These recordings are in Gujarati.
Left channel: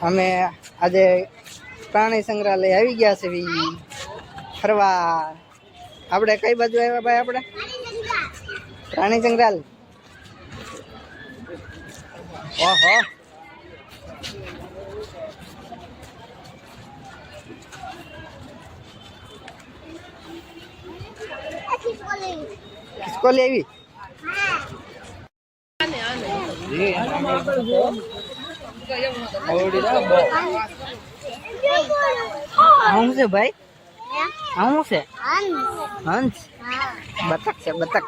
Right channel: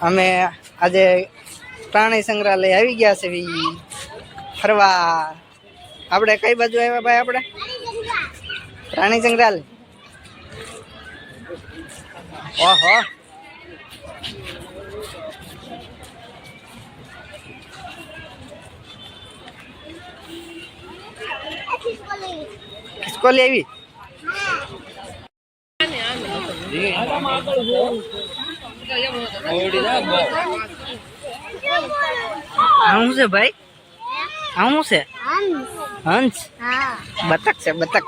અમે આજે પ્રાણી સંગ્રહાલય આવી ગયા છે ફરવા. આપણે કઈ બાજુ આવ્યા ભાઈ આપણે? પ્રાણી સંગ્રહાલય. ઓહો. ખિસકોલી આવી? શું છે ભાઈ? હું છે હંસ? બતક છે બતક.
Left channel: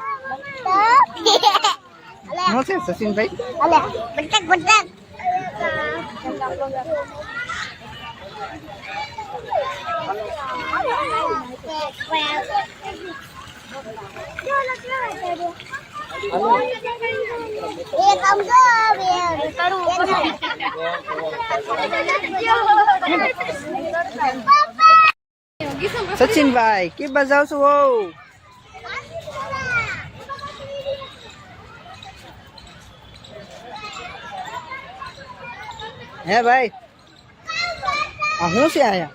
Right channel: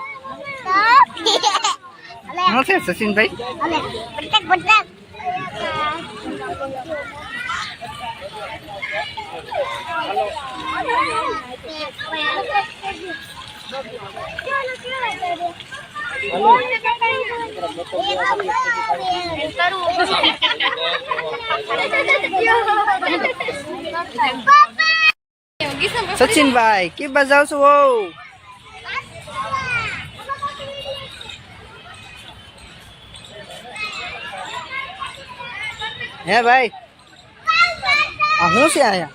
હું છે સચિનભાઈ? બટક બટક સચિનભાઈ કે બજાવ છો વહુ હે ભાઈ આ શું છે આયા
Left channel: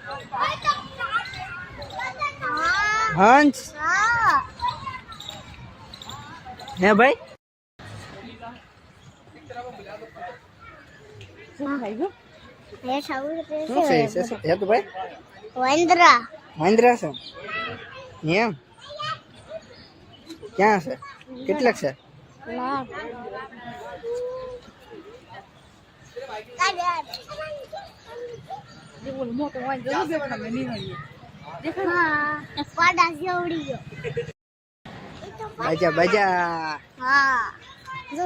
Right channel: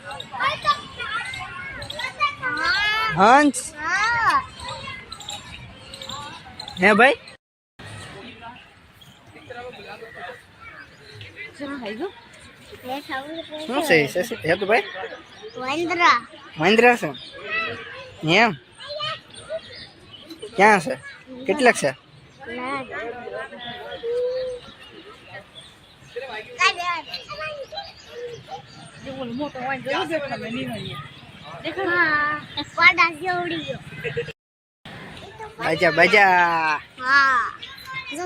હંસ હે ભાઈ શું ભાઈ ઈ સચિન છે તો ભાઈ મહિન્દ્રા. મહેન્દ્ર છે? એમ? ક્યાં છે? કેટલાક છે? બાજા બાજા. હા. જો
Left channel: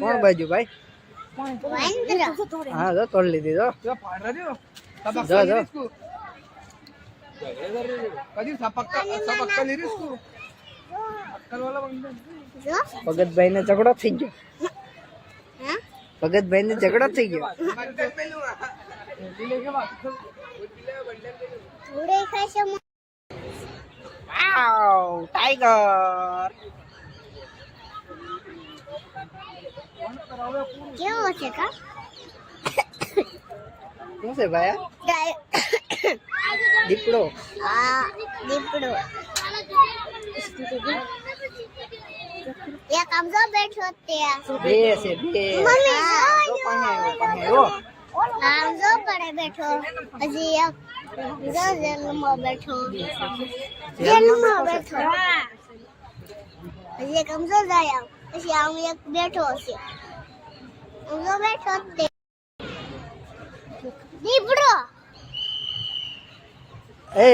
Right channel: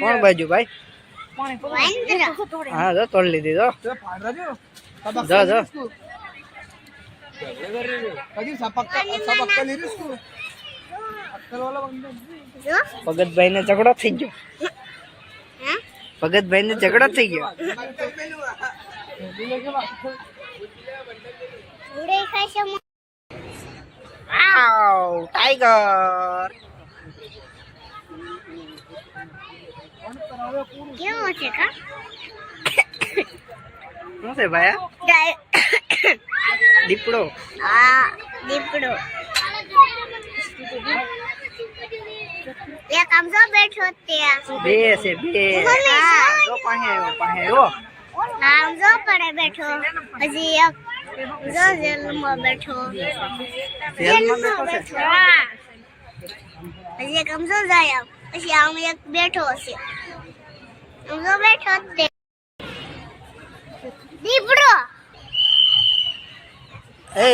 કોણ બાજુ ભાઈ? હા જો તોડ લીધી જો. જો જો. ભગતભાઈ ને ઝઘડો થઈ ગયો. હે? ભગતભાઈ ને ઝઘડો થઈ ગયો. ઉડે ખાશે વાવ ટાઈગર. કેવો છે કા શું છે ભાઈ આ? દીપડો આ દીપડો એક આમ જો બેઠો ત્યાં બે છે બે હા જો પાસે આવ્યો પાસે આવ્યો આમ જો પડે બેઠો હજી એક જો જેલમાં બેઠો જેલમાં બેઠો છે હા હજી એક આમ જો જાય આમ. પછી આમ એક બેઠો છે જો બેઠો તે. દીપડો. એ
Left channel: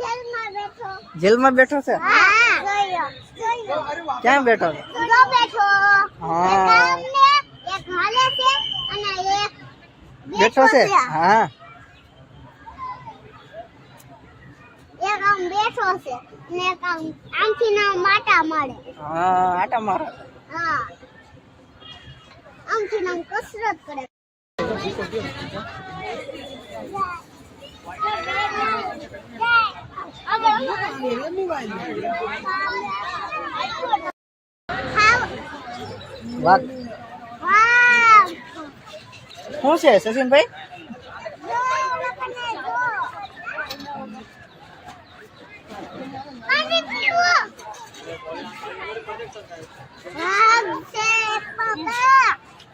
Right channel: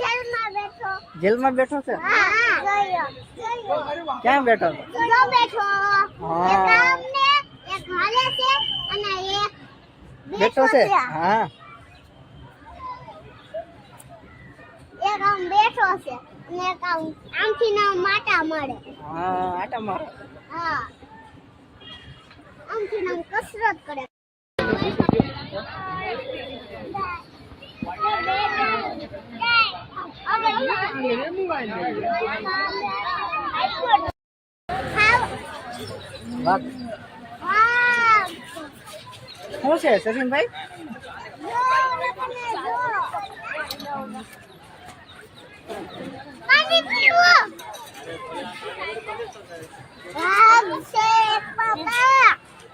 જેલમાં બેઠો. જેલમાં બેઠો છે? હા જોયો જોયો. ક્યાં બેઠો છે? જો બેઠો. હા. એક એક હાલે છે અને એક બેઠો છે? હા. એક આમ બેઠો છે એક આમ આમથી ના માટા મારે. હા આટા મારે. હા. આમથી નામ કસરત કરે. શું છે સચિનભાઈ? પાણી પીવો વાહ છે પપ્પા.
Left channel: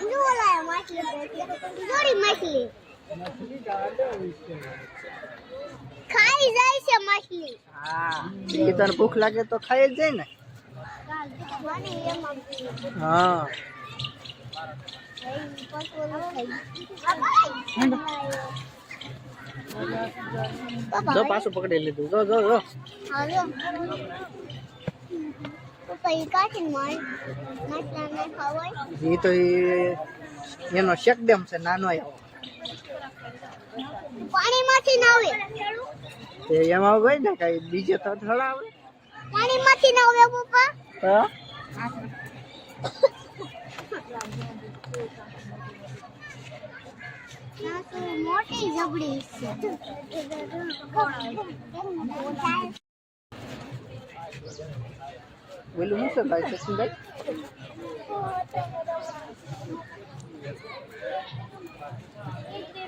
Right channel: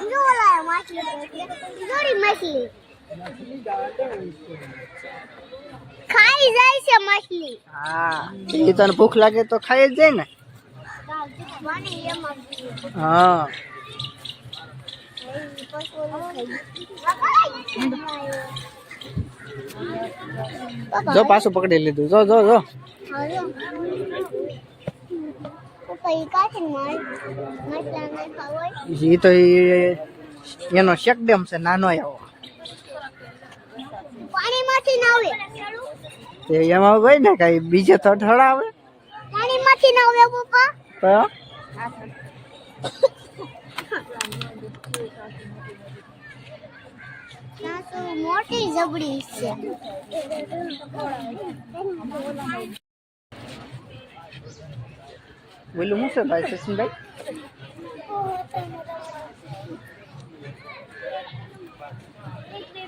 ઓલા માછલી પકડી જોડી માછલી ખાઈ જાય છે માછલી હા એ તને ભૂખ લાગે તો ખાઈ જ જાય ને. હા. જો પાછું પકડી લીધું જો જો જો હાલો. પપ્પા ઈ કાઢીને મારી માછલાને ખાવાય એ તો ઈ એનો શેક ડેમ છે નાનો એવો પાણીમાંથી ના આવે તે એમાં હોય ને કઈ બીજે તો થોડા આવે પાણીમાંથી ના આવે પપ્પા તો ના તો મોટી જબડી છે બોલું હું છે ભાઈ સચિનભાઈ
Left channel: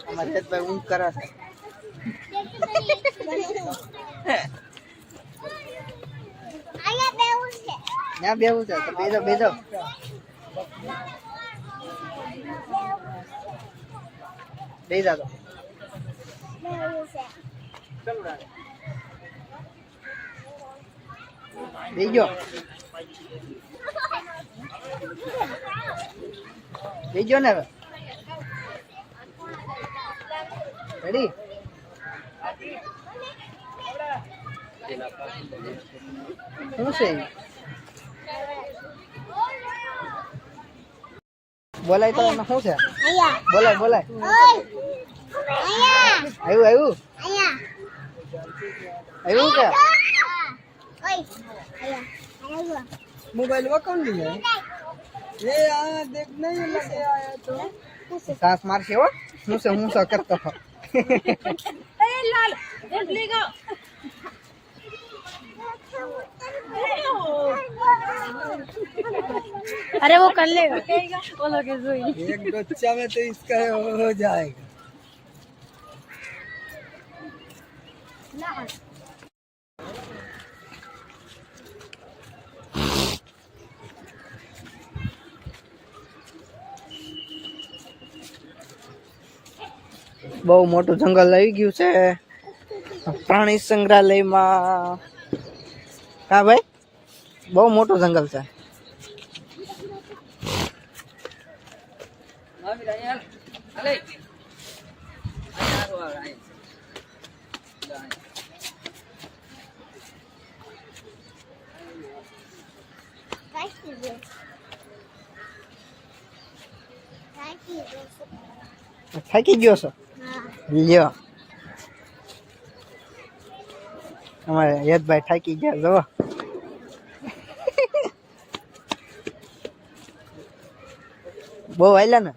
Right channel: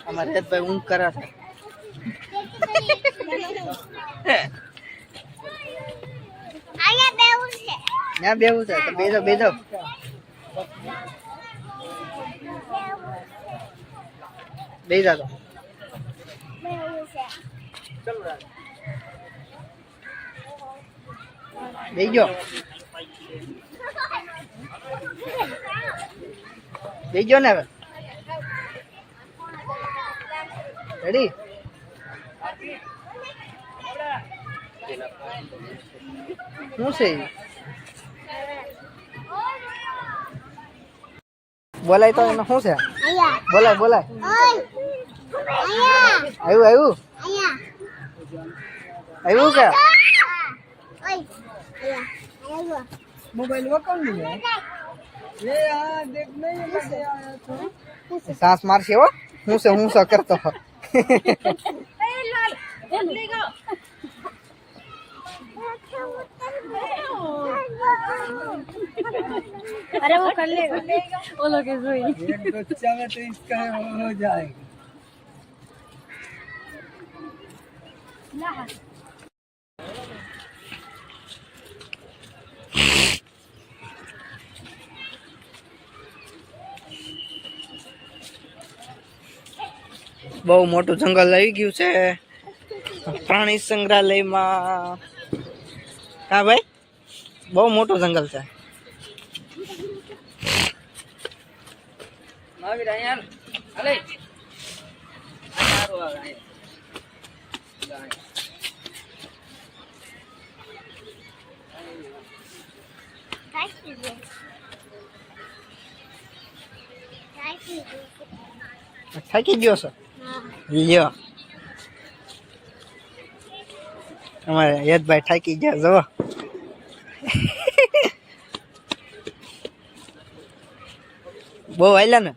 અમારે હેતભાઈ ઊંઘ કરે અહીંયા બેવું છે તો બેજો બેજો બેજા તો બેવું છે બેજો બેજો ને હવે રેડી શું છે ઈ? બોલાય તો એને શું છે અહીંયા બોલાય બોલાય ઓય અહીંયા આવ્યું આવ્યું અહીંયા આવ્યું કે હા. ઓય અહીંયા અહીંયા મોબાઈલ વકલ નહીં સાસ મારશે હો હું છે હું છે કરતો હો. अरे वो कर लेगा वो लोग जोई एक बच्चा में तो इसका हो जाएगा બહુ મોટું જંગલ આવી ગયું છે. પ્રાણી સંગ્રહાલયમાં. હા ભાઈ? બહુ મોટું જંગલ છે. થાકી ગયો છો. લ્યો. અમારે યદભાઈ થાકી ગયા જો બહુ હાલ્યા ને?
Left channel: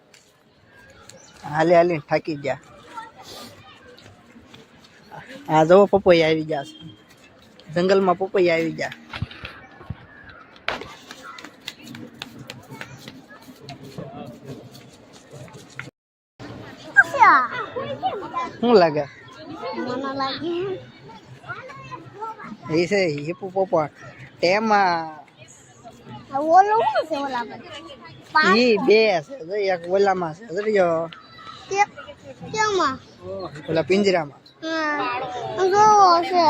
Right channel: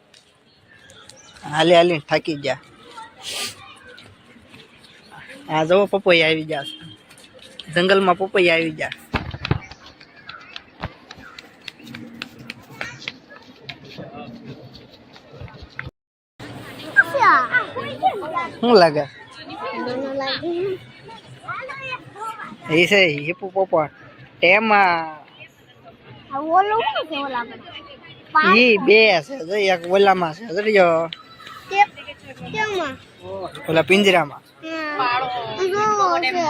હાલી હાલી થાકી ગયા. આ જો પપૈયા આવી ગયા જંગલમાં પપૈયા આવી ગયા. શું લાગે? એ છે હિપુ પોપટ. તેમાં ઓલો શું છે ઓલા પર? ઈ બે છે જો એક ઓલામાં છે જો કે ઓલા પિંજરામાં. જો છે.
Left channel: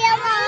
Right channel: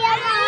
આ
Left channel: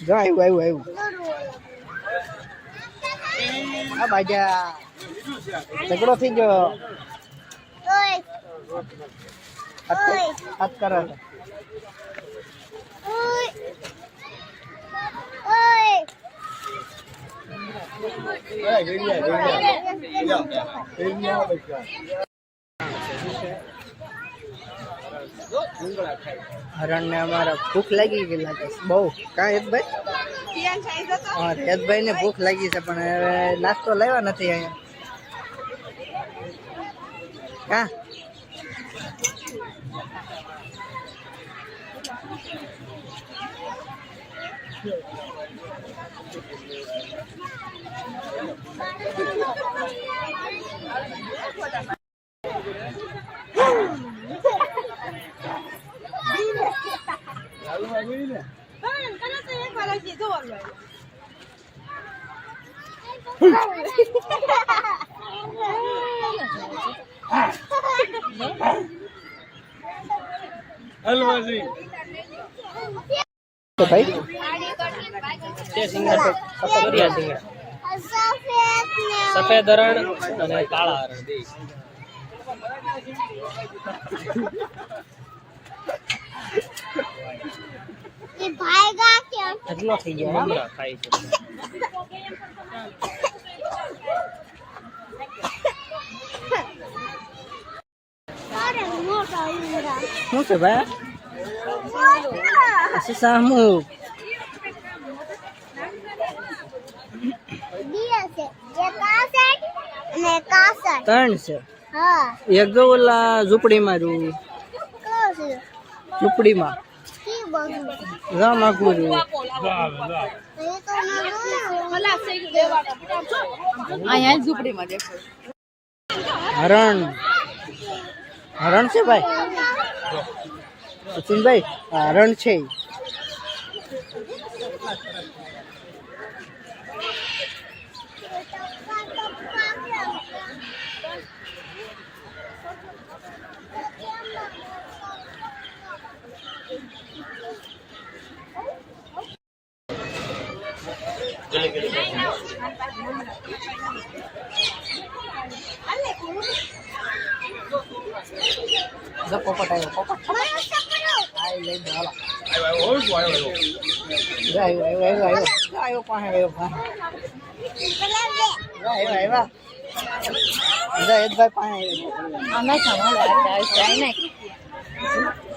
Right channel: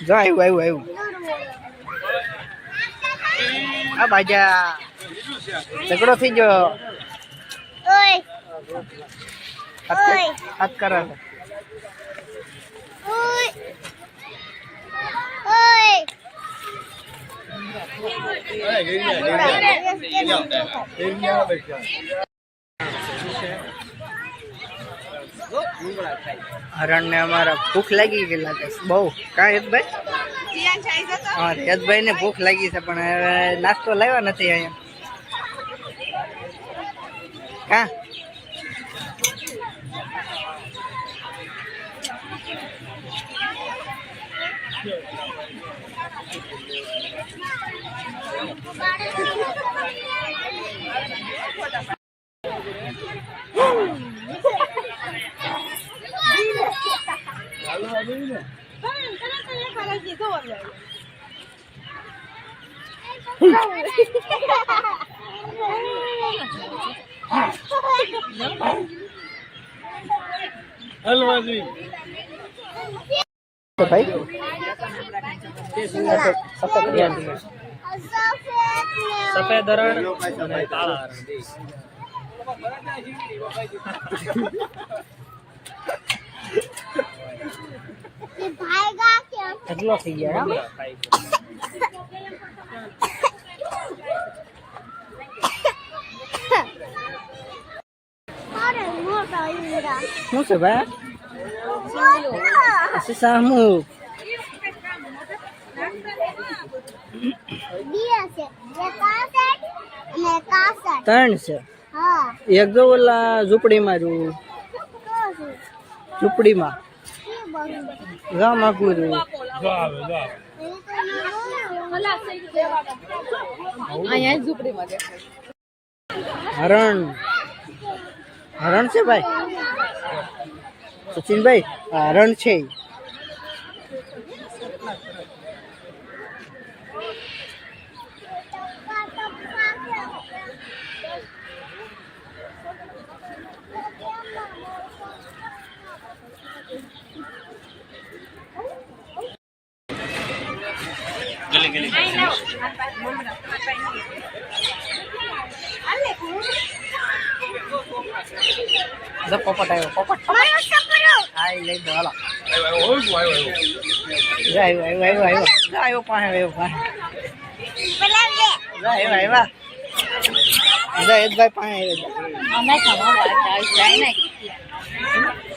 જો આવ્યું આવ્યું આવ્યું જોડું આ બાજા ઝઘડો થઈ ગયો ઓય હાથ કર- હાથ કરે છે ઓય ઓય હરણ ને અમારા ભૂખ લાગી ગઈ લાગે છે. બહુ. કાં હેતભાઈ? હા હેતભાઈ ને ભૂખ લાગી છે પણ હવે નાસ્તો લાવ્યા નથી અહીંયા. કા? તો ભાઈ સફેદ હરણ અને કાળા હરણ કેટલો થઈ ગયો શું છે ભાઈ? શું સામુ? ત્રણ છે. એક જો ઓલા ઝૂંપડીમાં ઝૂંપડીમાં. કી બધું ગામ આખું રહ્યું એ તો મેં અહીંયા ઝૂંપડીમાં હરણ. હરણ છે ભાઈ? સચિનભાઈ હરણ છે. જો પોપટ આવ્યો પોપટ મારો સપનો હા ઈ લઈ દો હાલો જો આવ્યો આવ્યો આવ્યો આવ્યો જો આવ્યો પાસે આવ્યો પાસે પેલા લે જો આવ્યો આવ્યા જો યદભાઈ પાસે આવ્યો આ નહીં ખાવા જાય નહીં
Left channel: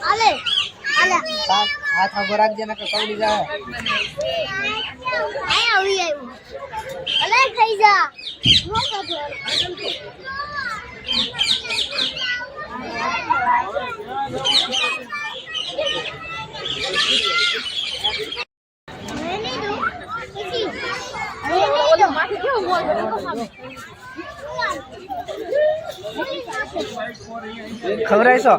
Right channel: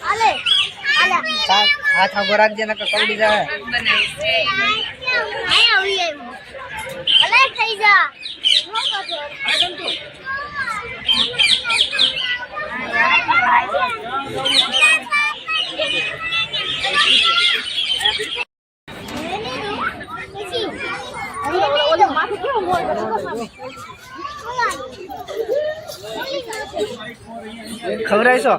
અલે અલે હાથ હાથ આગો રાખજે નકર કવડી જાય અહીંયા આવી આવ્યું અલે થઈ જા હું તો માથે કેવો મોર બને ખવડાવીશો?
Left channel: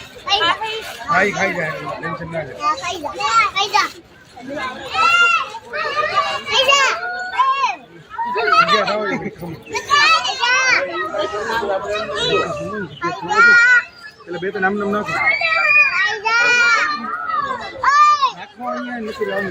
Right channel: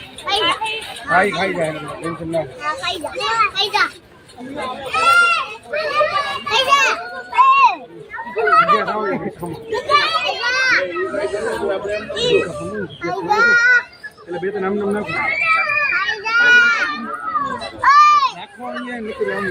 ખાઈ ખાઈ જાય ટેન્શન ના લે. ખાઈ જા. ખાઈ જા ખાઈ જા ખાઈ જા એટલે બે ત્રણ આમ નામ નાખો નાખો અહીંયા નકર આમ